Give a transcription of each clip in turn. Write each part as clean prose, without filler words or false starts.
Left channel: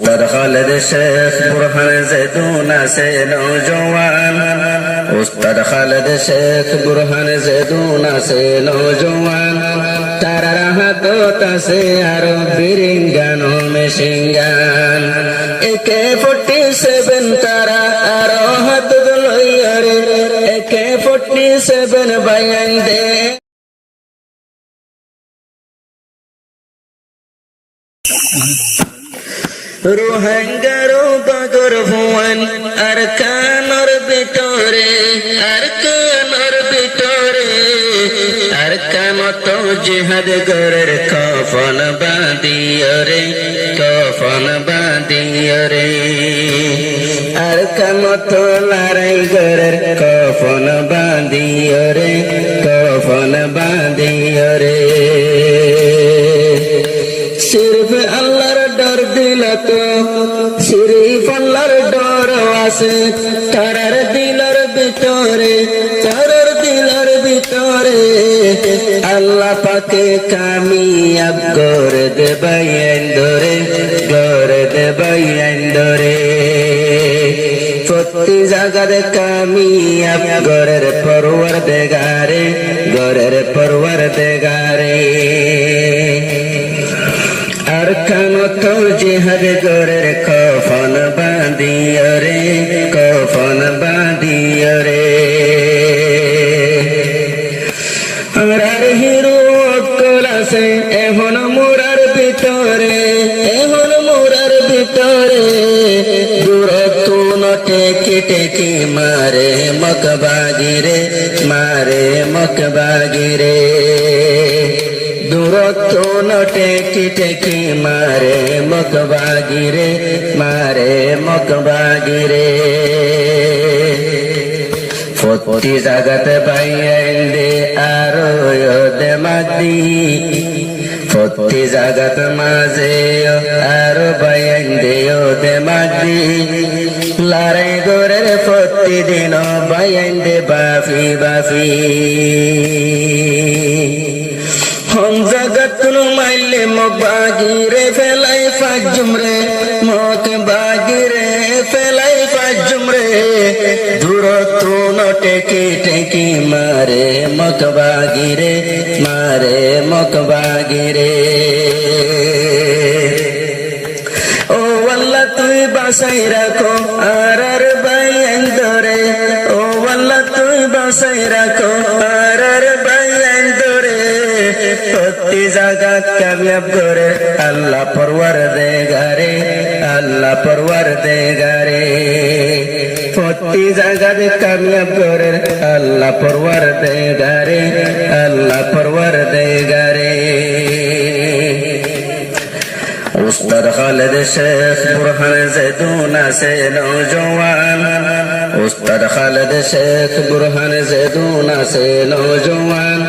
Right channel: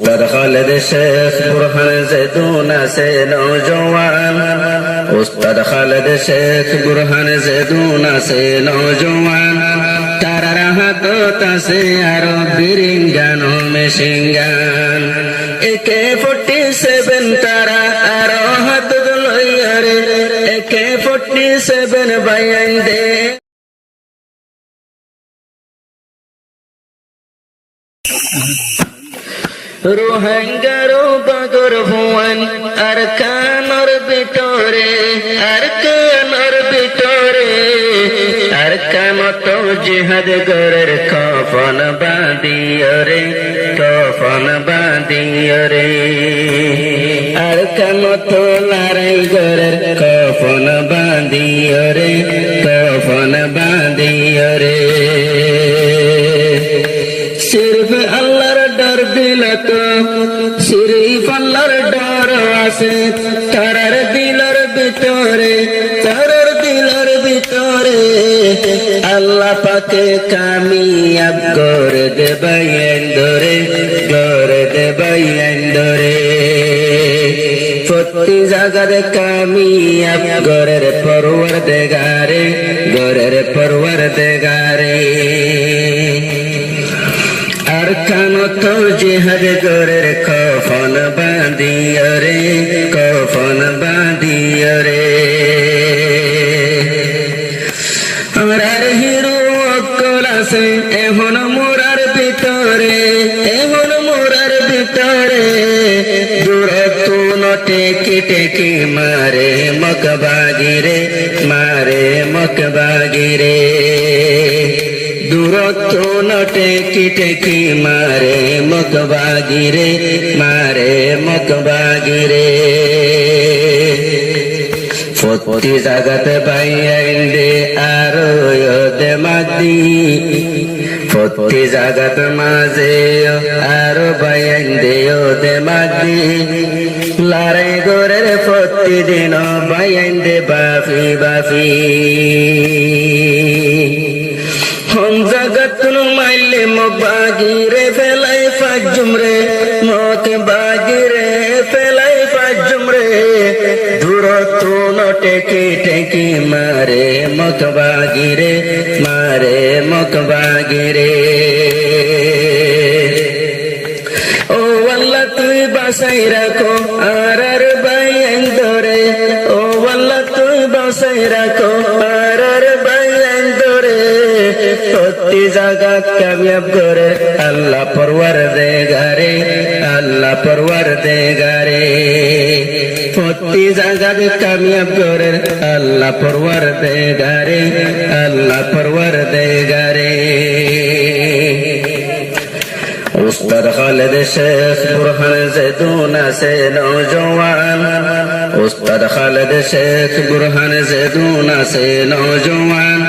উস্তাদ খালেদ শেখ বুরহান জেদুন আছে নওজওয়ান, উস্তাদ খালেদ শেখ বুরহান জেদুন আছে নওজওয়ান, তারার হাতত আছে আরো বিরিঙ্গান মেশিনগান। AK-47 তারা আরো হাতত লইয়ারে AK-47 বাইয়াই দে। রোহিঙ্গারো বাগর ভুয়ান আর কানর ভিতরে, আর কানর ভিতরে, আর কামত জিহাদ গরের কফন বাঁধিয়রে, কফন বাঁধিয়রে, আর কামত লড়াই গরের কফন বাঁধিয়রে, কফন বাঁধিয়রে। সির্ফ আল্লাহর ডর দিলে তো সিরিফ আল্লাহর ডর আছে তারার দিলার ভিতরে, তারার দিলার ভিতরে। আল্লাহ পাকে কামিয়াব করে দেবাই ধরে, করে দেবাই ধরে। প্রতি জায়গার কামিয়াব গরের পরওয়ারদিগারে, গরের পরওয়ারদিগারে। আর কানত জিহাদ গরের কফন বাঁধিয়রে, কফন বাঁধিয়রে। আর হিরো অক্কল আছে এখন মোরার ভিতরে, এখন মোরার ভিতরে। দূরত্ব টেকি টেকি মারে মকবাগিরে, মারে মকবাগিরে। দূরত্ব টেকি টেকি মারে মকবাগিরে, মারে মকবাগিরে। প্রতি জাগাতে বাইয়াইন্দে আরো দে মাদি, প্রতি জাগাত মাঝে আরো বাইয়াইন্দে দে মাদি। লড়াই গরের প্রতিদিন বাইয়াইন্দে বাফি বাফি। হম জগত নু মাইলে মকবাগিরে ফেলাই ফাজুমরে, মকবাগিরে ফেলাই ফাজুমরে। দূরত্ব টেকি টেকি মারে মকবাগিরে, মারে মকবাগিরে। ও আল্লাহ তুই বাসাই রাখো আর আর বাইয়ান ধরে, ও আল্লাহ তুই বাসাই রাখো আর আর বাইয়ান ধরে। প্রতি জায়গা কামিয়াব করে আল্লাহ পরওয়ারদিগারে, আল্লাহ পরওয়ারদিগারে। প্রতি জায়গাতে কামিয়াব করে আল্লাহ পরওয়ারদিগারে, আল্লাহ পরওয়ারদিগারে। উস্তাদ খালেদ শেখ বুরহান জেদুন আছে নওজওয়ান, উস্তাদ খালেদ শেখ বুরহান জেদুন আছে নওজওয়ান,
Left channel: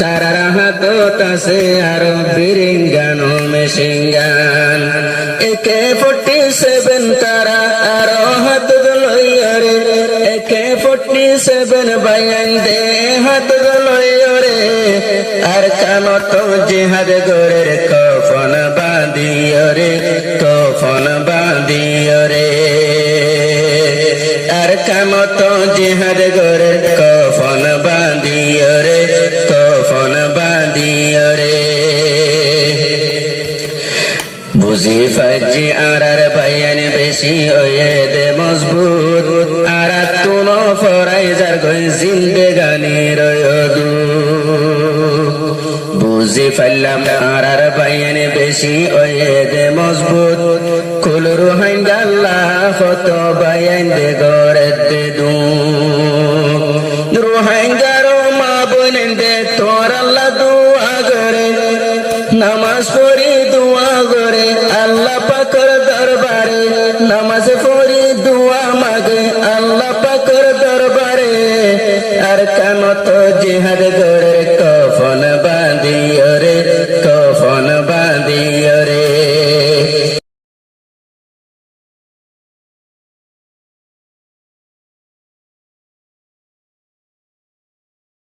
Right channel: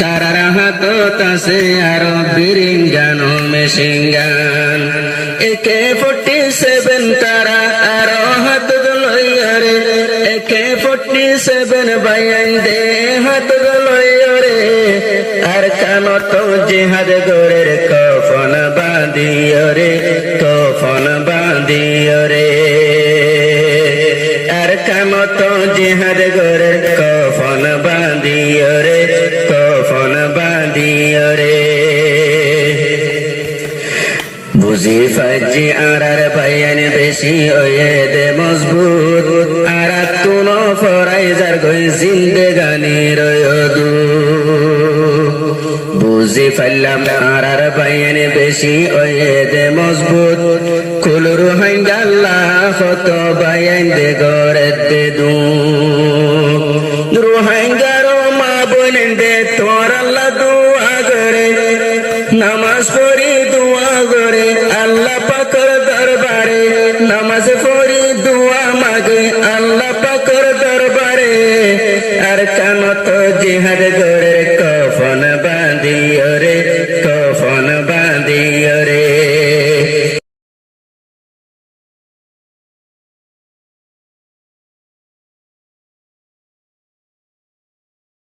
তারার হাতত আছে আরো বিরিঙ্গান মেশিনগান। AK-47 তারা আরো হাতত লইয়ারে AK-47 বাইয়াই দে হাতত লইয়ারে। আর কামত জিহাদ গরের কফন বাঁধিয়রে, কফন বাঁধিয়রে। আর কামত জিহাদ গরের কফন বাঁধিয়রে, কফন বাঁধিয়রে। বুঝি ফাজি আর বাইয়ান বেশি ওয়ে দে মজবুত, আর তুন ফরাই যার গই জিন্দেগানির দু। বুঝি ফাইলাম আর বাইয়ান বেশি ওয়ে দে মজবুত, কুল রোহিঙ্গা আল্লাহ কত বাইয়ান দে গরে দে দু। রোহিঙ্গার মা বোন দে তোর আল্লাহ দুয়া করে নামাজ